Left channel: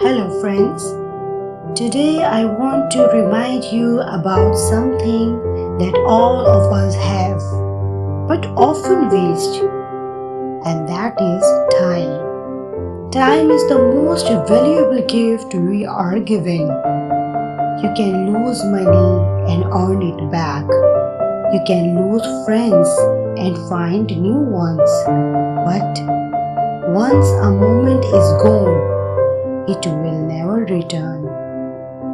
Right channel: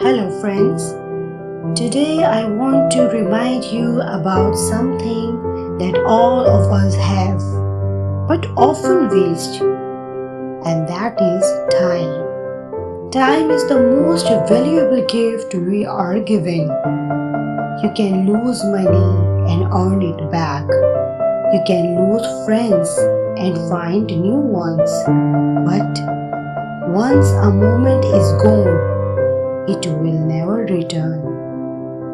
Hello, friends. Today I want to remind you about something that all of us have but often waste, and that is time. Time is the most valuable gift we are given. You can lose money and earn it back. You can lose friends and find new ones. But once a moment is gone, it will never return.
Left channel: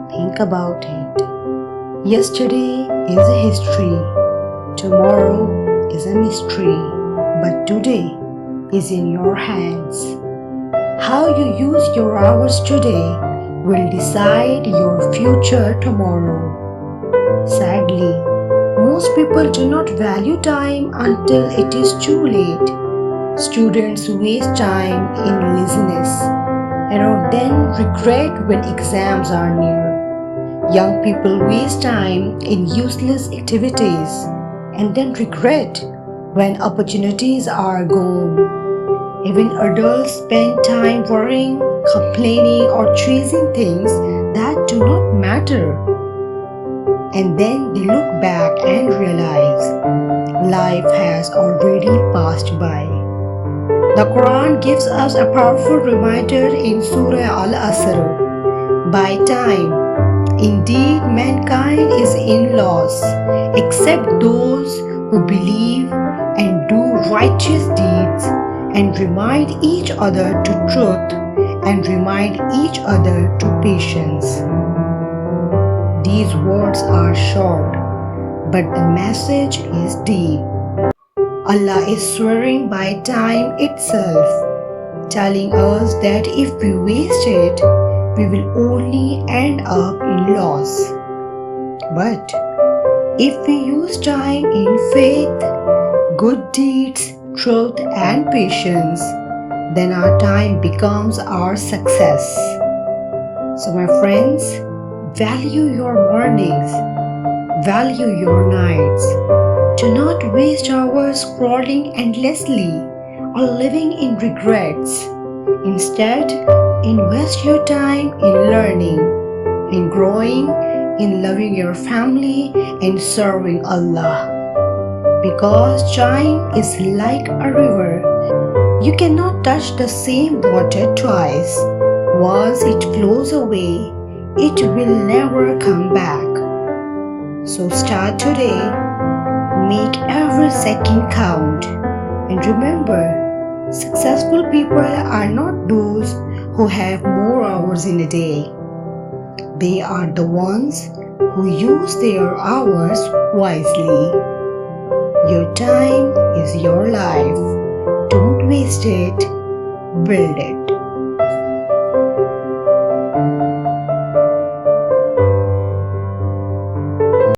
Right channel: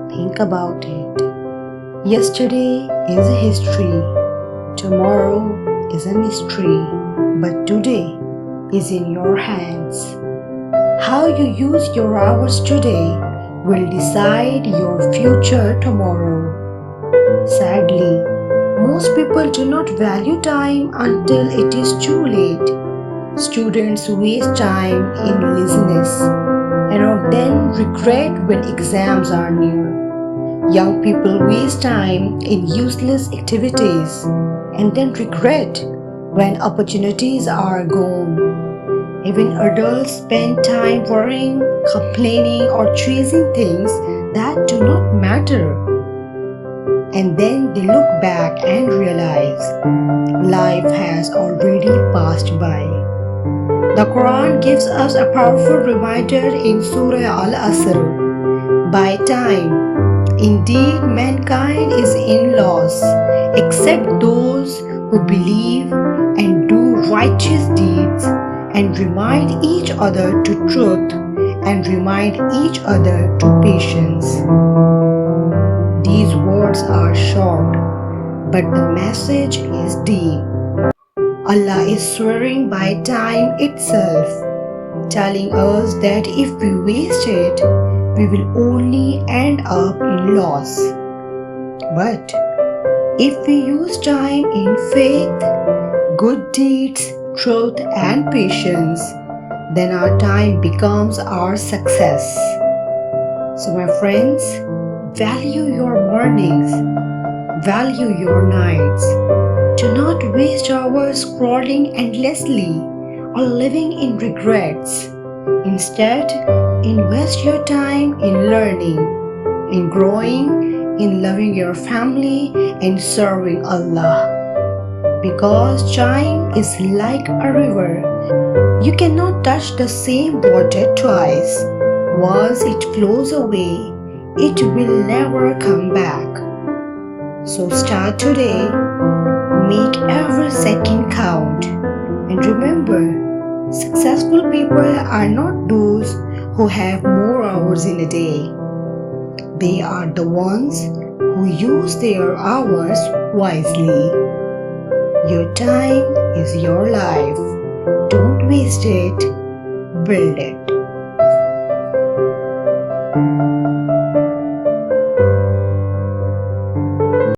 Think about it. Yesterday is a history, tomorrow is a mystery, but today is in your hands. How you use your hours today will decide your future tomorrow. Sadly, most people do not value time until it is too late. Students waste time in laziness and then regret when exams are near. Young people waste time in useless activities and then regret when opportunities are gone. Even adults spend time worrying, complaining, or chasing things that do not matter. And then they look back and realize life has already passed by. The Quran gives us a powerful reminder in Surah Al-Asr. By time, indeed mankind is in loss, except those who believe and do righteous deeds and remind each other to truth and remind each other to patience. These words are short, but the message is deep. Allah is swearing by time itself, telling us that if we waste it, we will only end up in loss. But if we use time in faith, good deeds, truth, and patience, then our time becomes our success. So, my friends, value your mornings, value your nights. Do not waste hours scrolling endlessly or living in regrets. Instead, invest your time in learning, in growing, in loving your family, and serving Allah. Because time is like a river. You cannot touch the same water twice. Once it flows away, it will never come back. So start today. Make every second count. And remember, successful people are not those who have more hours in a day. They are the ones who use their hours wisely. Your time is your life. Don't waste it, build it.